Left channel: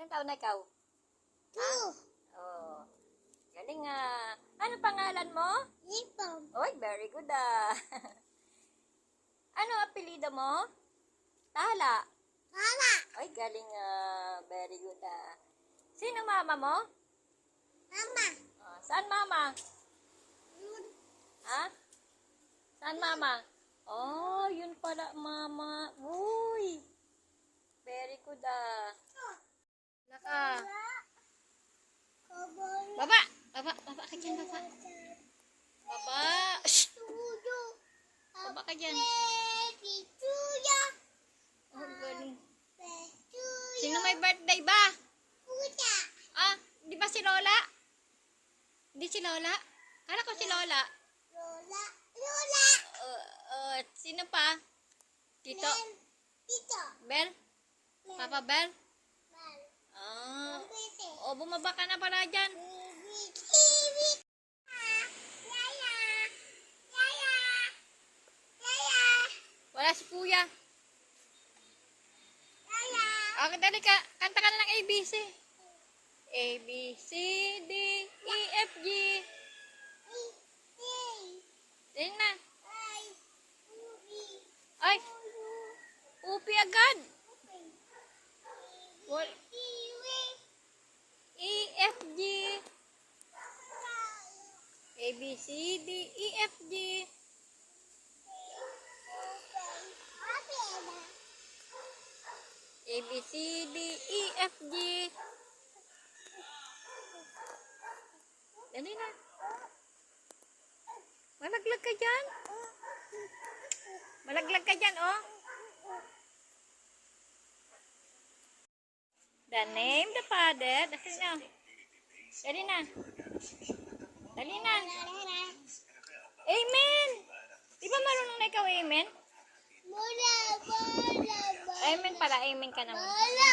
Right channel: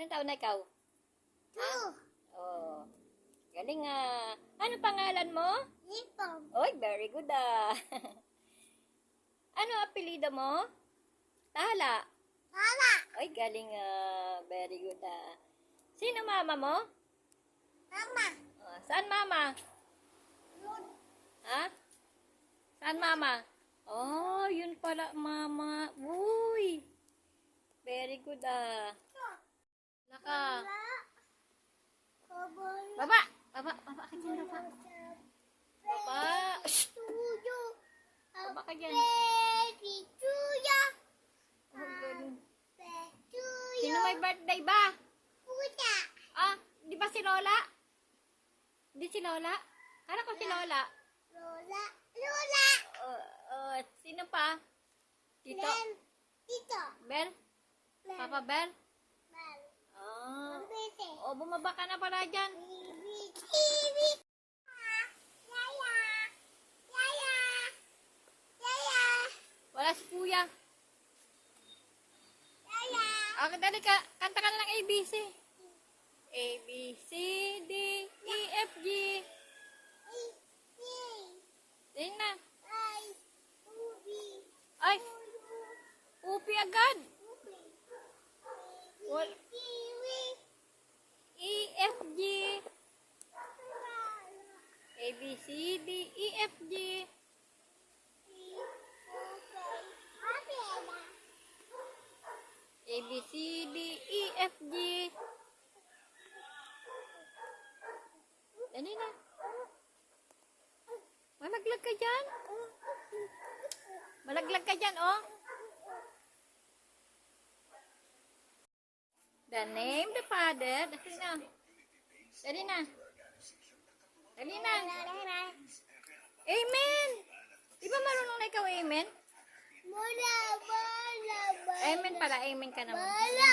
Ilang taon na ikaw? Two. Oh. Galing ah. Ano pangalan mo? Ipom. Oy, very good ah. Ano apelyido mo? Tala. Mama. Oy, galing ah. Very good ah. Sino mama mo? Mama. Saan mama? Yun. Ha? Saan mama? Oh, yun pala mama. Uy. Very good ah. Laka. Kaboy. Baba. Baba ka dyan, baba. Baba. Shh. Tuyo. Baba ka dyan. Baby tuyo. Oh, galing. Tuyo. Sino may birthday ba? Puta. Ah, di ba si Lola? Di si Lola? Kala ko si Lola. Lola. Lola. Sino pa? Tito? Len. Tito. Bel? Len. Papa Bel? Mal. Ah. Bese. O, bumaba ka na pala dyan. Baby. Kiwi. Yaya. Yaya. Yaya. Wala si Kuya. Yaya. Dali ka. Kanta ka na ng ABC. A, B, C, D, E, F, G. Tingnan na. Ay, upi agad. Wal E, F, G. A, B, C, D, E, F, G. A, B, C, D, E, F, G. Dali na. Malaglag ka dyan. Malaglag ka dyan, oh. The name, the father. Dali na. Dali na. Dali na. Amen. Di ba marunong na ikaw, amen? Bola, bola, bola. Amen pala, amen ka naman. Bola.